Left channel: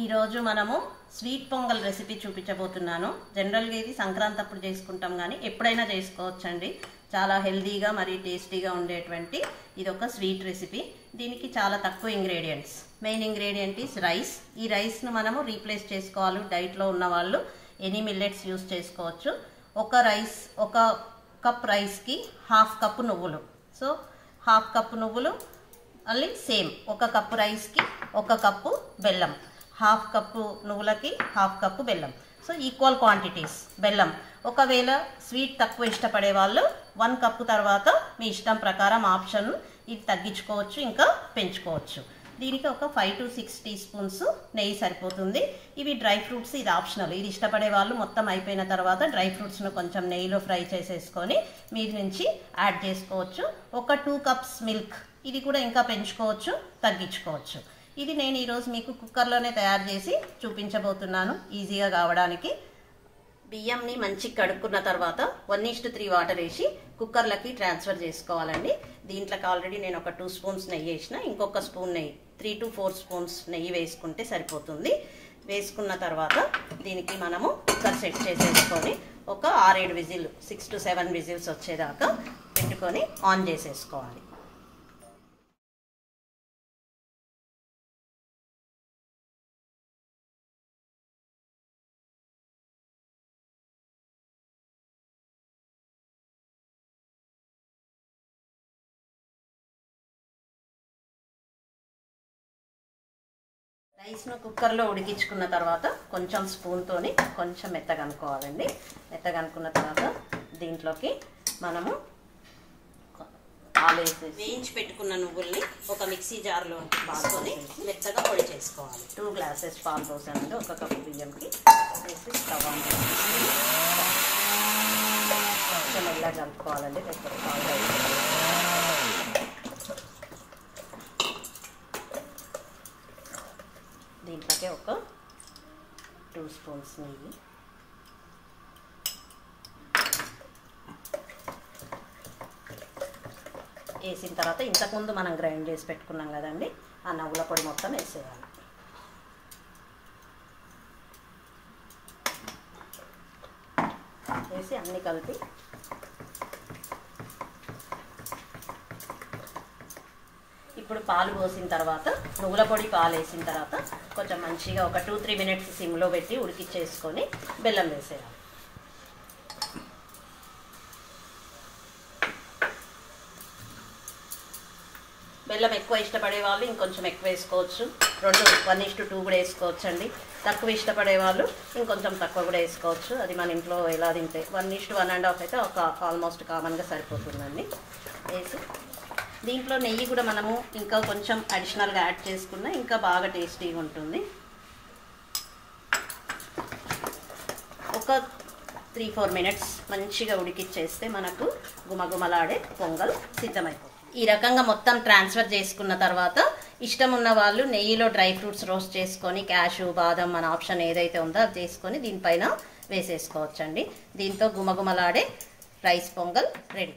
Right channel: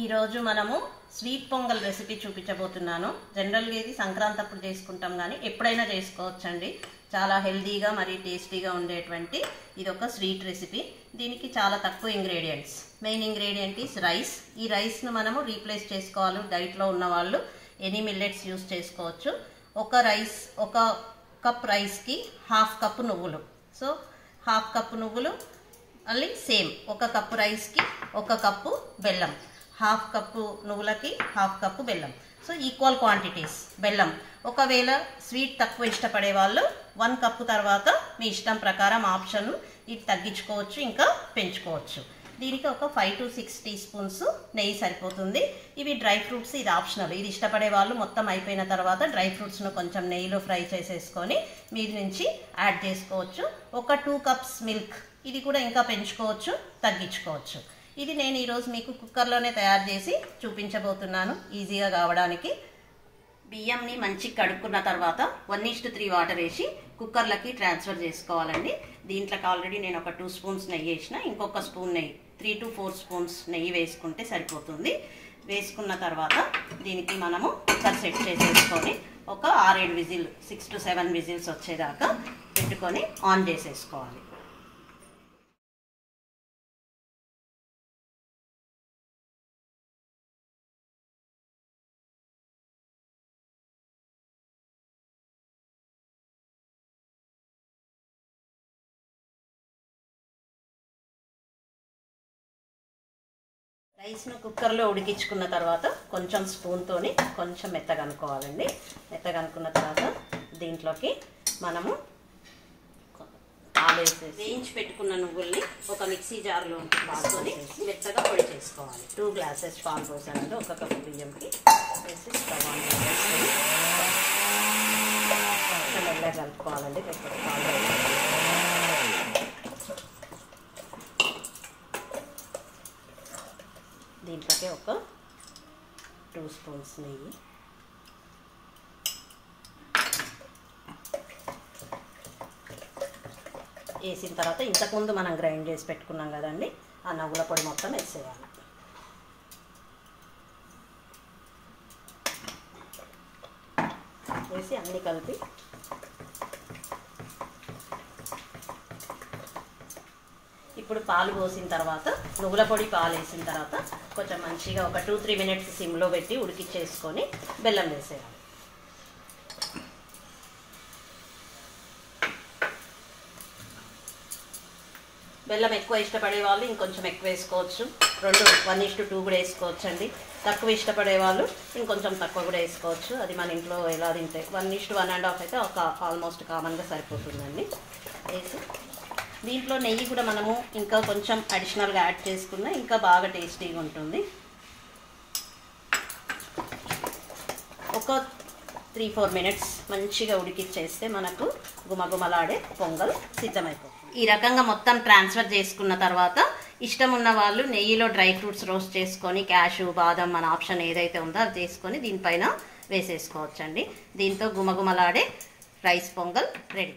ఈ రోజు మనము స్వీట్ పొంగల్ రెసిపీ చూపించబోతున్నాను. జనరల్ గా ఇది సంక్రాంతి అప్పుడు చేసుకుంటాం గానీ ఎప్పుడైనా చేసుకోవచ్చండి. చాలా హెల్దీగా మరియు టేస్టీగా ఉండేటువంటి ఇది ఒక స్వీట్ రెసిపీ. దీనికి చాలా తక్కువ ingredients. Main ingredient is rice. ఈ రైస్ ను మనము రీప్లేస్ చేసుకోవాలి. డైట్ లో ఉన్న వాళ్ళు ఎనీ మిల్లెట్స్ యూస్ చేసుకోవచ్చు. ఒక కప్ రైస్ కి హాఫ్ కప్ నువ్వులు. సో హాఫ్ కప్ నువ్వులు మళ్ళీ సేమ్ ఒక కప్పు రైస్ కి ఒక కప్పు బెల్లం. హాఫ్ కప్పు నువ్వులకి హాఫ్ కప్పు బెల్లం. సో ఈక్వల్ క్వాంటిటీస్ బెల్లం. ఒకవేళ స్వీట్ తక్కువ ఇష్టపడే వాళ్ళు 1 కప్పు తర్వాత మీ ఇష్టం ప్రకారం ఆప్షన్ ఇది తగ్గించుకోవచ్చు, ఇంకా పెంచుకోవచ్చు. దీనికి ఒక 5 to 6 టీ స్పూన్స్ నెయ్యి సరిపోతుంది. ఇవి డ్రై ఫ్రూట్స్, ఇది ఆప్షనల్. ఇది ఇష్టపడే వాళ్ళు మొత్తం అయిపోయిన తర్వాత డ్రై ఫ్రూట్స్ను కొంచెం నెయ్యిలో ఫ్రై చేసేసుకొని మీది నుంచి యాడ్ చేసుకోవచ్చు. ఒక 2 కప్స్ మిల్క్, ఇది కూడా ఇంకా పెంచుకోవచ్చు, తగ్గించుకోవచ్చు. ఇది నేను ఈరోజు మీకు కుక్కర్లోనే తయారు చేసి చూపించబోతున్నాను ఈజీగా కావడానికి. బియ్యంని మంచిగా కడుక్కున్న తర్వాత 1:3 వాటర్ వేసి కుక్కర్లకి ట్రాన్స్ఫర్ చేసుకోవాలండి. దీంట్లోకి ఆల్రెడీ నేను ఒక 2 స్పూన్స్ నెయ్యి వేసిన, ఇంకొక స్పూన్ నెయ్యి 3 to 4 స్పూన్స్ నెయ్యి వేసుకుంటే సరిపోతుంది. వేసుకున్న తర్వాత దీనికి మనము కుక్కర్ సెట్ చేసేసుకొని ఒక 6-7 విజిల్ 6 to 7 విజిల్స్ వచ్చేదాకా పెట్టుకొని ఆన్ చేసేసుకోవాలి. రైస్ను కుక్కర్లో ఉడికించుకున్న తర్వాత కొంచెం స్పూన్తోని కొంచెం మెత్తగా అనుకోవాలండి. మెత్తగా అనుకున్న తర్వాత దీంట్లోకి మనము పాలు వేయించి పెట్టుకున్న నువ్వుల్ని ఒక మిక్సీ జార్లో పాలుకొని మెత్తగా పొడి చేసుకోవాలి. 2 గ్లాసెస్ పాలు పోసానండి ఒక కప్పు బియ్యంకి. వేసి స్టవ్ ఆన్ చేసుకొని కొంచెం మెల్లగా కలుపుకోవాలండి. పెద్ద పాలు దీంట్లోకి ఒక 2 స్పూన్స్ నెయ్యి, వేసిన తర్వాత ఇంతకుముందు మనం గ్రైండ్ చేసి పెట్టుకున్నాం కదండి, ఆ నువ్వుల పొడి మొత్తం వేసేయాలి. వేసి అన్నీ కలిపి ఇప్పుడు పాలు పోసిన తర్వాత నువ్వుల పొడి పాలు వేసిన తర్వాత కొంచెం మంచిగా ఒక 2-3 మినిట్స్ సిమ్లో పెట్టి ఉడికిచ్చేసుకొని బెల్లం వేసేయాలి. బెల్లం ఎక్కువ ఇష్టపడే వాళ్ళు ఇంకొంచెం ఎక్కువ వేసుకోవచ్చు. 1:2 కూడా వేసుకోవచ్చు అండి. తక్కువ ఇష్టపడే వాళ్ళు ఇంకొంచెం తక్కువ కూడా వేసుకోవచ్చు. అది మన ఇంట్లో ఎలా తింటే 1:1.5 అయితే ఒక ఆల్మోస్ట్ కామన్గా సరిపోతుందండి. వేసి దీంట్లో నెయ్యి కూడా మనము ఇంకా కొంచెం అడిషనల్గా యాడ్ చేసుకున్నా ఇంకా బాగా టేస్టీగా ఉంటుంది. ఒక 3-4 మినిట్స్ మంచిగా ఉడికిచ్చేస్తే మనకు గుమగుమలాడే పొంగల్ సిద్ధమైపోతుంది. ఈ రకంగా మొత్తం ట్రాన్స్ఫర్ చేసుకున్న తర్వాత ఇష్టం ఉన్న వాళ్ళు నెయ్యిలో డ్రై ఫ్రూట్స్ రోస్ట్ చేసుకొని క్యాషు, బాదం మన ఆప్షన్ ఏదైతే ఉందో అది చేసుకొని దీనిపైన వేసేసుకోవచ్చండి. దీంతో గుమగుమలాడే రైస్ పొంగల్ రెడీ.